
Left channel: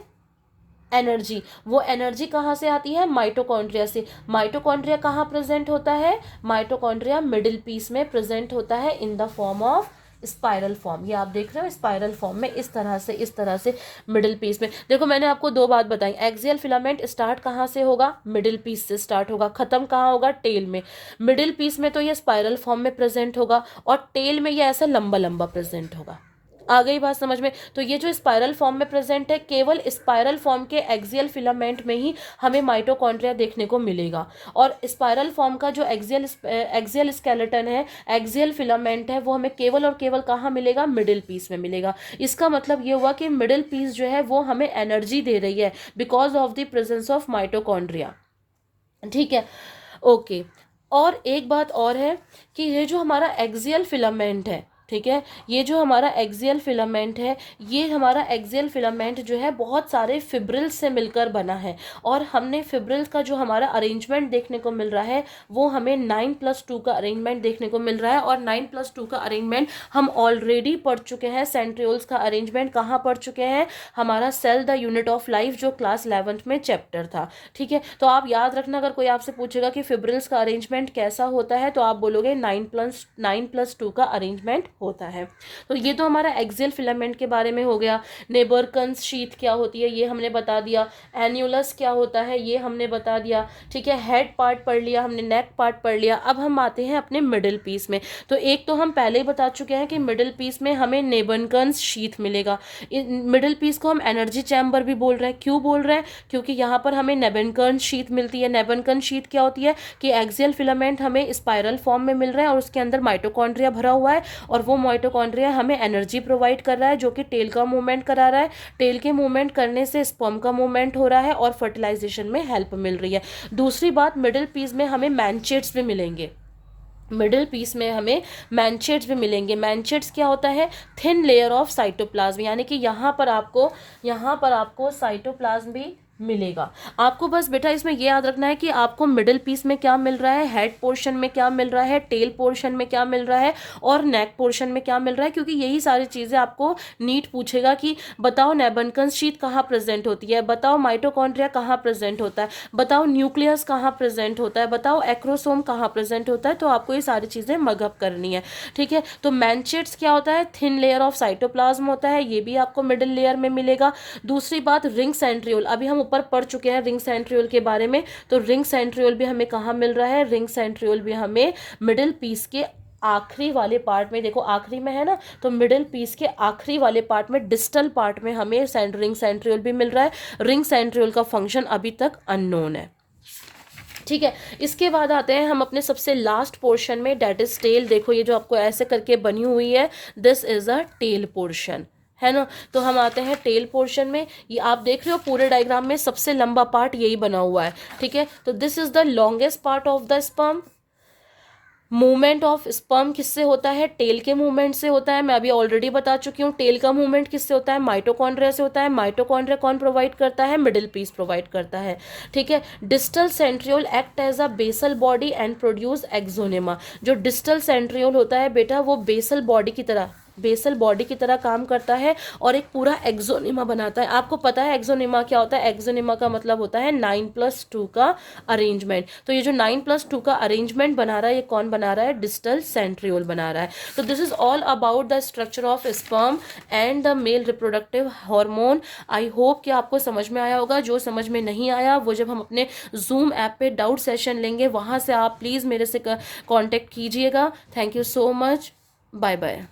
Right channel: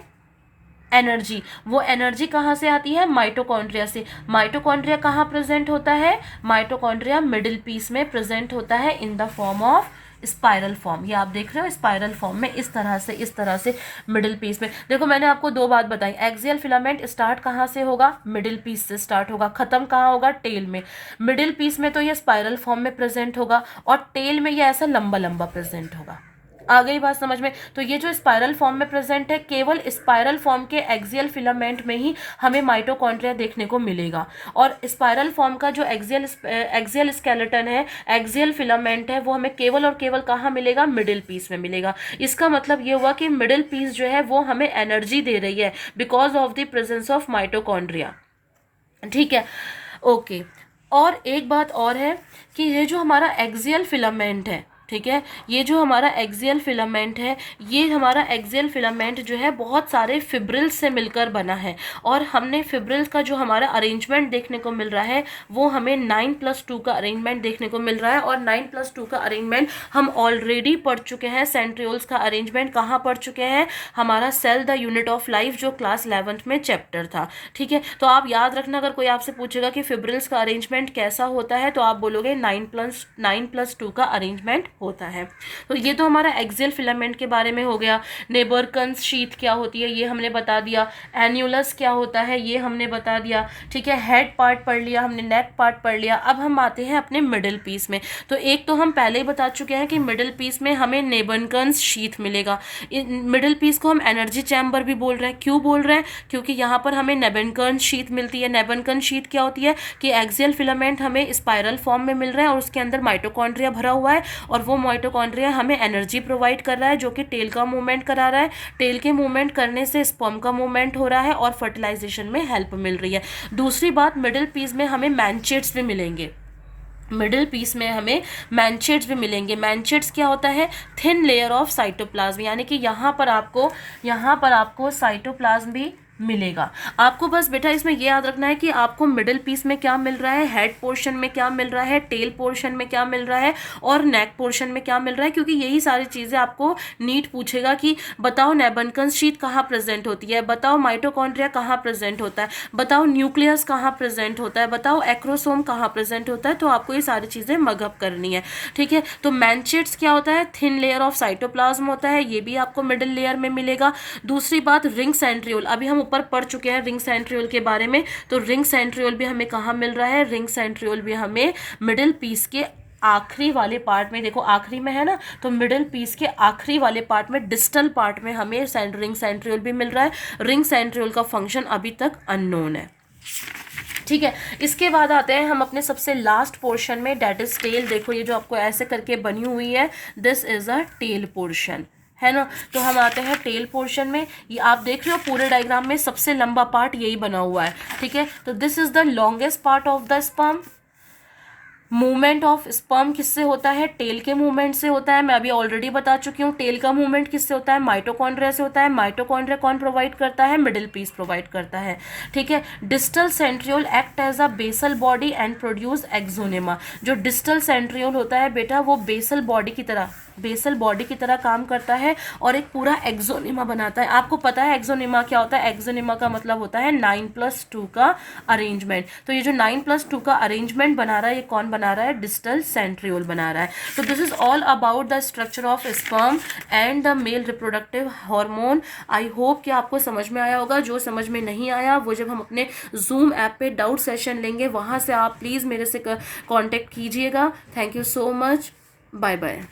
एनर्जी। वो एनर्जी कहाँ से आती है, माइटोकॉन्ड्रिया से। माइटोकॉन्ड्रिया कहाँ प्रेजेंट होता है, माइटोकॉन्ड्रिया मिडिल पीस में प्रेजेंट होता है in the form of spiral form. ये आप देख रहे हो स्पाइरल फॉर्म में, इस तरह से मिडिल पीस में। देखो मैंने आपको दो बात बताई, एक्सियल फिलामेंट स्टार्ट कहाँ से होगा, मिडिल पीस से स्टार्ट होगा, खत्म कहाँ होगा, टेल में। मिडिल पीस में तो ये स्पाइरल फॉर्म में प्रेजेंट होगा और टेल में ये ऐसा लंबा लंबा प्रेजेंट होगा। आ गई बात समझ में। तो ये जो स्पाइरल फॉर्म में प्रेजेंट है, केवल स्पाइरल फॉर्म के एक्सियल फिलामेंट में ही हमें माइटोकॉन्ड्रिया देखने को मिलेगा। और स्पाइरल फॉर्म का जो एक्सियल स्केलेटन है, एक्सियल फिलामेंट है, वो हमें केवल और केवल कहाँ मिलेगा, मिडिल पीस में मिलेगा। इसका मतलब ये हुआ कि मिडिल पीस जो है वो हमें एनर्जी दे रही है because of the presence of mitochondria. ठीक है, ओके। और एक बात और है कि ये जो हमारा एक्सियल फिलामेंट है, ठीक है, ये जो हमारा एक्सियल फिलामेंट है, ये हमारा एक्सियल फिलामेंट जो है बहुत सारे फिब्रिल्स से मिलकर बना है। और हमने फिब्रिल्स का जो हमारा अरेंजमेंट देखने को मिल रहा है वो हमें 9+2 का अरेंजमेंट देखने को मिल रहा है। और 9+2 का अरेंजमेंट हम ऑलरेडी पढ़ चुके हैं। सेंट्रियोल्स का अरेंजमेंट कहाँ पढ़ चुके हैं, हमारा cell the unit of life जो क्लास 11th में चैप्टर था। ठीक है, तो आप याद रखना, अगर कोई आपसे पूछेगा कि फिब्रिल्स का अरेंजमेंट कैसा होता है तो आप बोलोगे 9+2 का अरेंजमेंट होता है। तो ये तो हमारा एक्सियल फिलामेंट के बारे में हो गया। नेबरकन्स शीथ क्या होती है ये हमने बता दिया, एन्यूलस क्या होता है ये हमने बता दिया, ठीक है। हेड पार्ट पढ़ लिया हमने, नेक पार्ट पढ़ लिया। अब हम आते हैं अपने मिडिल पीस में। तो एक तो हम पहले ही बता चुके हैं कि मिडिल पीस में हमें नेबरकन्स शीथ मिलेगा। मिडिल पीस को हम एनर्जी चैम्बर भी बोल रहे हैं। क्यों बोल रहे हैं? क्योंकि यहाँ पर हमें नेबरकन्स शीथ मिलती है। नेबरकन्स शीथ क्या होती है कि एक्सियल फिलामेंट हमें स्पाइरल फॉर्म में मिल रहा है और उसके अंदर माइटोकॉन्ड्रिया भरा हुआ है, और वो माइटोकॉन्ड्रिया हमें एनर्जी प्रोवाइड कर रहा है, जो कि टेल का मूवमेंट करा रहा है। टेल के मूवमेंट करने से स्पर्म का मूवमेंट हो रहा है और फर्टिलाइजेशन में हेल्प मिल रही है। दूसरी बात, मिडिल पीस में हमें मैनचेट्स भी मिलेंगे। मिडिल पीस में हमें मैनचेट्स भी मिलेंगे। मैनचेट्स क्या होता है? थिन लेयर ऑफ साइटोप्लाज्म, यानी कि यहाँ पर आपको साइटोप्लाज्म भी मिलेगा। आपको बस बेटा इसमें ये याद रखना है कि आपको मिडिल पीस में क्या मिल रहा है, हेड पोर्शन में क्या मिल रहा है, टेल पोर्शन में क्या मिल रहा है और नेक पोर्शन में क्या मिल रहा है, क्योंकि यही सारी चीज़ें आपको नीट पूछेगा कि बताओ नेबनकन्स शीथ कहाँ प्रेजेंट होती है, बताओ माइटोकॉन्ड्रिया कहाँ प्रेजेंट होता है, बताओ न्यूक्लियस कहाँ प्रेजेंट होता है, बताओ एक्रोसोम कहाँ प्रेजेंट होता है। तो आपको ये सारी चीज़ें मगअप करनी है, ठीक है। तो मैनचेट्स क्या होता है? थिन लेयर ऑफ साइटोप्लाज्म होता है, ये भी आपको मिडिल लेयर में मिलेगा। दूसरी बात, रिंग सेंट्रियोल, अभी हम ऊपर पढ़ चुके हैं रिंग सेंट्रियोल के बारे में। तो रिंग सेंट्रियोल भी हमें कहाँ मिल रहा है? रिंग सेंट्रियोल भी हमें मिडिल पीस के आखिरी वाले पार्ट में, देखो आखिरी में है ना, तो मिडिल पीस के आखिरी वाले पार्ट में, डिस्टल पार्ट में हमें रिंग सेंट्रियोल भी मिल रहा है। रिंग सेंट्रियोल का फंक्शन अभी तक अननोन है, ठीक है। इसके बाद आते हैं हम अपने सबसे लास्ट पोर्शन में, डेट इज टेल। देखो ये जो आपको ऐसे करके बनी हुई है, this is a tail portion, है ना। तो हम आते हैं टेल पोर्शन में। ये आप देख रहे हो पूरे डायग्राम में सबसे लंबा पार्ट यही बना हुआ है, ठीक है। तो this is the longest part of the sperm. Movement of sperm किससे होता है? टेल के मूवमेंट से होता है। मैं अभी ऑलरेडी बता चुकी हूँ टेल का मूवमेंट किससे होता है? माइटोकॉन्ड्रिया से होता है। माइटोकॉन्ड्रिया कौन प्रोवाइड करता है? मिडिल पीस प्रोवाइड करता है, ठीक है। Distal centriole act as a basal body and produce axonema. जो डिस्टल सेंट्रियोल होता है बेटा, वो बेसल बॉडी की तरह काम करता है और एक पूरा एक्सोनिमा बनाता है। आपको पता है एक्सोनिमा क्या होता है? एक्सोनिमा का मतलब होता है 9+2 का अरेंजमेंट। तो ये जो 9+2 का अरेंजमेंट बना रहा है, ये कौन बना रहा है? डिस्टल सेंट्रियोल बना रहा है। तो this is all about the structure of sperm and the mail reproductive hormone. I hope कि आपको समझ में आया होगा। जो समझ में नहीं आया वो जब हम अपने जूम ऐप पे डाउट सेशन लेंगे, वहाँ से आप प्लीज़ मेरे से कॉन्टेक्ट कीजिएगा। Thank you so much, bye bye.